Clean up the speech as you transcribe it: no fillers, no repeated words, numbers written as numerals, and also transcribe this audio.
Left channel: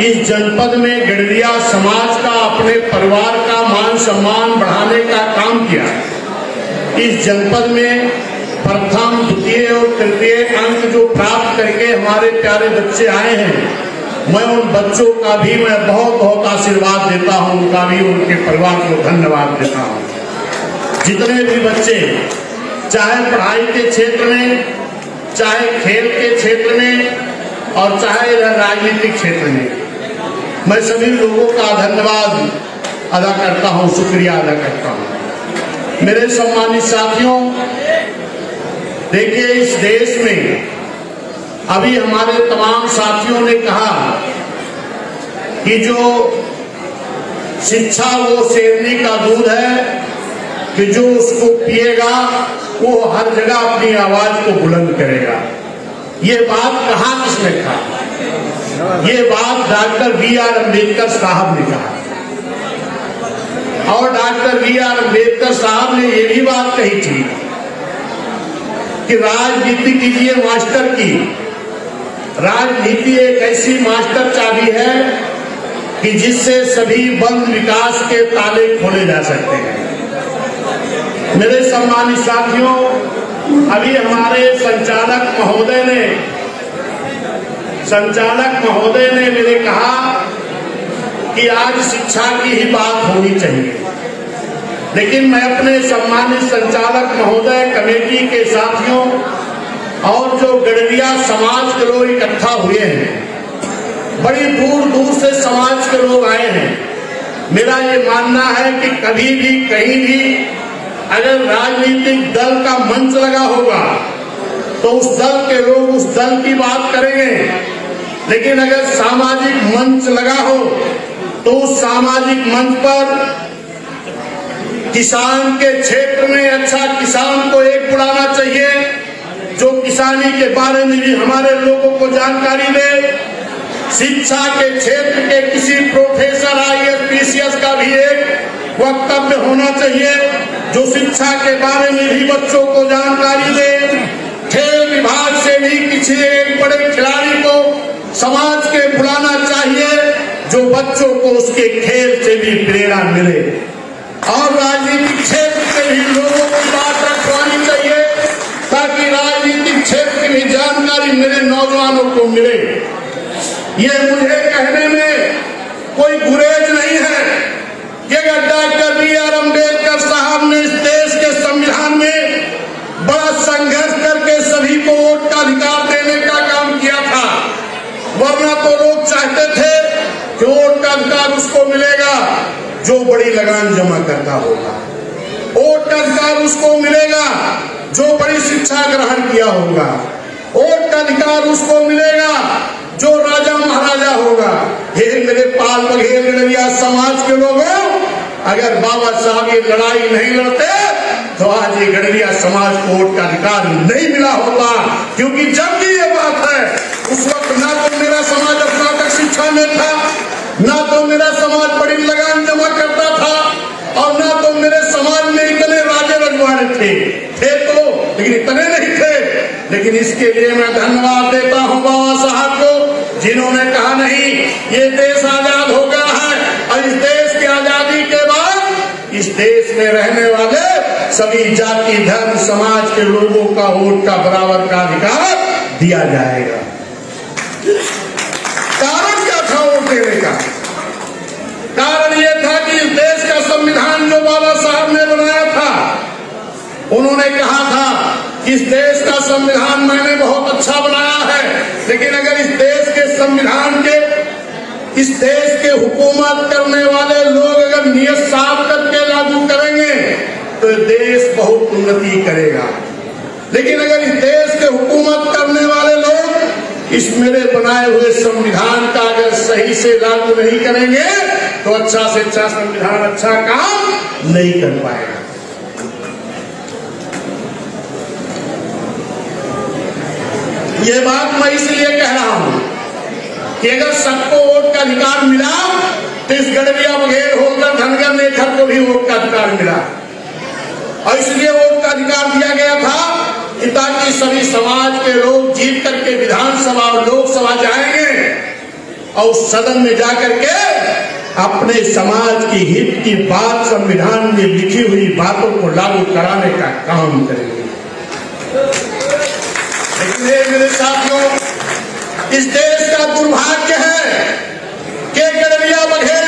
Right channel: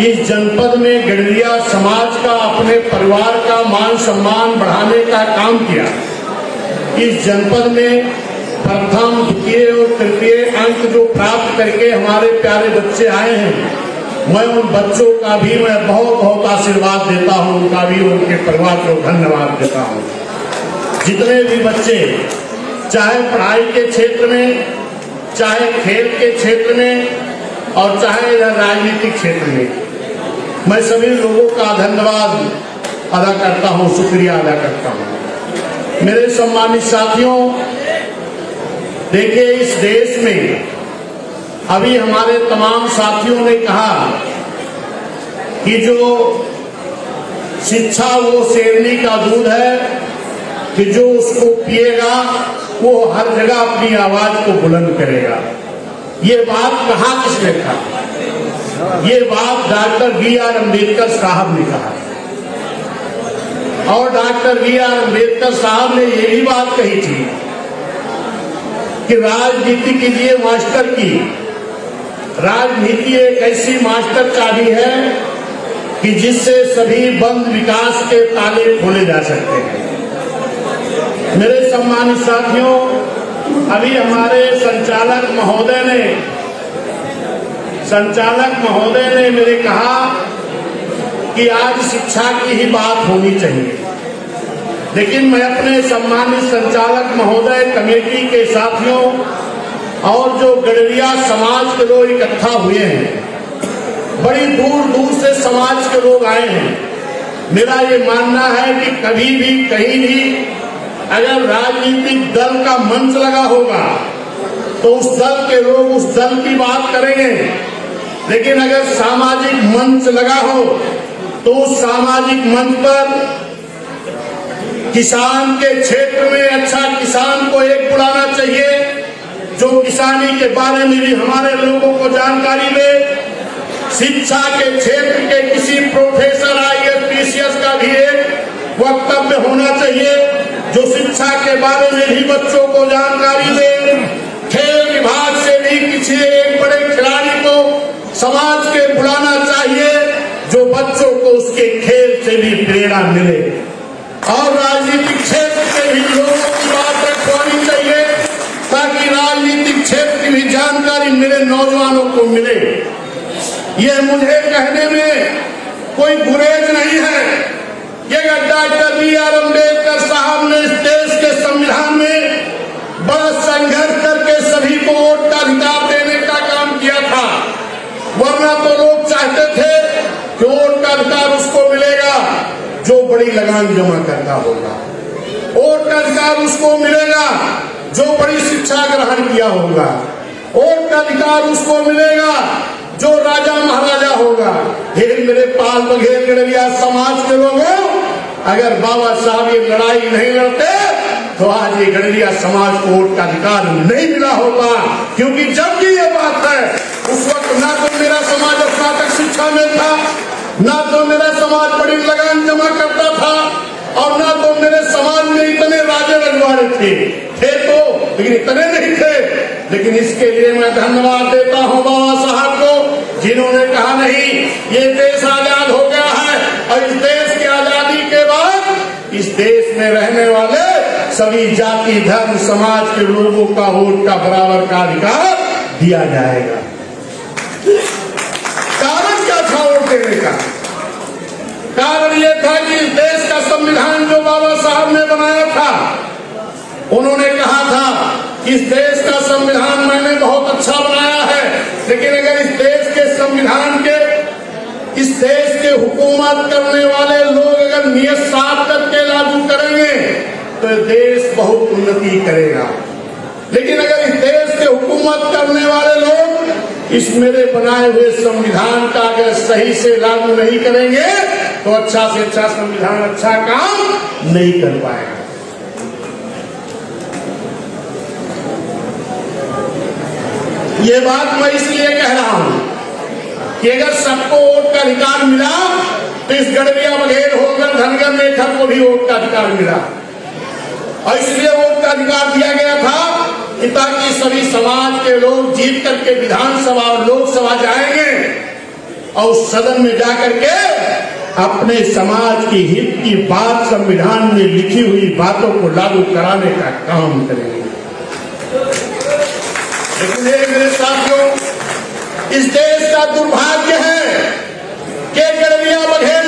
इस जनपद में गडरिया समाज का अपने परिवार का मान सम्मान बढ़ाने का काम किया। इस जनपद में प्रथम, द्वितीय और तृतीय अंक जो प्राप्त करके हमारे प्यारे बच्चे आए हैं, मैं उन बच्चों का भी मैं बहुत बहुत आशीर्वाद देता हूं, उनका भी, उनके परिवार को धन्यवाद देता हूं। जितने भी बच्चे, चाहे पढ़ाई के क्षेत्र में, चाहे खेल के क्षेत्र में और चाहे राजनीतिक क्षेत्र में, मैं सभी लोगों का धन्यवाद अदा करता हूं, शुक्रिया अदा करता हूं। मेरे सम्मानित साथियों, देखिए इस देश में अभी हमारे तमाम साथियों ने कहा कि जो शिक्षा वो शेरनी का दूध है कि जो उसको पिएगा वो हर जगह अपनी आवाज को बुलंद करेगा। ये बात कहा किसने कहा? ये बात डॉक्टर B.R. अम्बेडकर साहब ने कहा। और डॉक्टर B.R. अम्बेडकर साहब ने ये भी बात कही थी कि राजनीति के लिए मास्टर की, राजनीति एक ऐसी मास्टर चाबी है कि जिससे सभी बंद विकास के ताले खोले जा सकते हैं। मेरे सम्मानित साथियों, अभी हमारे संचालक महोदय ने मेरे कहा कि आज शिक्षा की ही बात होनी चाहिए, लेकिन मैं अपने सम्मानित संचालक महोदय, कमेटी के साथियों और जो गडरिया समाज के लोग इकट्ठा हुए हैं, बड़ी दूर दूर से समाज के लोग आए हैं। मेरा ये मानना है कि कभी भी कहीं भी अगर राजनीतिक दल का मंच लगा होगा तो उस दल के लोग उस दल की बात करेंगे, लेकिन अगर सामाजिक मंच लगा हो तो उस सामाजिक मंच पर किसान के क्षेत्र में अच्छा किसान को एक बुलाना चाहिए जो किसानी के बारे में भी हमारे लोगों को जानकारी दे। शिक्षा के क्षेत्र के किसी प्रोफेसर IAS PCS का भी एक वक्तव्य होना चाहिए जो शिक्षा के बारे में भी बच्चों को जानकारी दे। खेल विभाग से भी किसी एक बड़े खिलाड़ी को समाज के बुलाना चाहिए जो बच्चों को उसके खेल से भी प्रेरणा मिले। और राजनीतिक क्षेत्र से भी लोगों की बात रखवानी चाहिए ताकि राजनीतिक क्षेत्र की भी जानकारी मेरे नौजवानों को मिले। ये मुझे कहने में कोई गुरेज नहीं है कि डॉक्टर B.R. अम्बेडकर साहब ने इस देश के संविधान में बड़ा संघर्ष करके सभी को वोट का अधिकार देने का काम किया था, वरना तो लोग चाहते थे कि वोट का अधिकार उसको मिलेगा जो बड़ी लगान जमा करता होगा, वोट का अधिकार उसको मिलेगा जो बड़ी शिक्षा ग्रहण किया होगा, वोट का अधिकार उसको मिलेगा जो राजा महाराजा होगा। हे मेरे पाल बघेल गडरिया समाज के लोगों, अगर बाबा साहब ये लड़ाई नहीं लड़ते तो आज ये गडरिया समाज को वोट का अधिकार नहीं मिला होता, क्योंकि जब भी ये बात है उस वक्त ना तो मेरा समाज स्नातक शिक्षा में था, ना तो मेरा समाज बड़ी लगान जमा करता था, और ना तो मेरे समाज में इतने राजे रजवाड़े थे तो, लेकिन इतने नहीं थे। लेकिन इसके लिए मैं धन्यवाद देता हूँ बाबा साहब को, जिन्होंने कहा नहीं ये देश आजाद हो गया है, और इस देश की आजादी के बाद इस देश में रहने वाले सभी जाति धर्म समाज के लोगों का वोट का बराबर का अधिकार दिया जाएगा। कारण क्या था वोट देने का? कारण ये था कि इस देश का संविधान जो बाबा साहब ने बनाया था, उन्होंने कहा था कि इस देश का संविधान मैंने बहुत अच्छा बनाया है, लेकिन अगर इस देश के संविधान के, इस देश के हुकूमत करने वाले लोग अगर नियत साफ करके लागू करेंगे तो देश बहुत उन्नति करेगा। लेकिन अगर इस देश के हुकूमत करने वाले लोग इस मेरे बनाए हुए संविधान का अगर सही से लागू नहीं करेंगे तो अच्छा से अच्छा संविधान अच्छा काम नहीं कर पाएगा। ये बात मैं इसलिए कह रहा हूं कि अगर सबको वोट का अधिकार मिला तो इस गडरिया बघेल होकर धनगर नेखर को भी वोट का अधिकार मिला, और इसलिए वोट का अधिकार दिया गया था ताकि सभी समाज के लोग जीत करके विधानसभा और लोकसभा जाएंगे और सदन में जाकर के अपने समाज की हित की बात संविधान में लिखी हुई बातों को लागू कराने का काम करेंगे। लेकिन मेरे साथियों, इस देश का दुर्भाग्य है कि गडरिया बघेल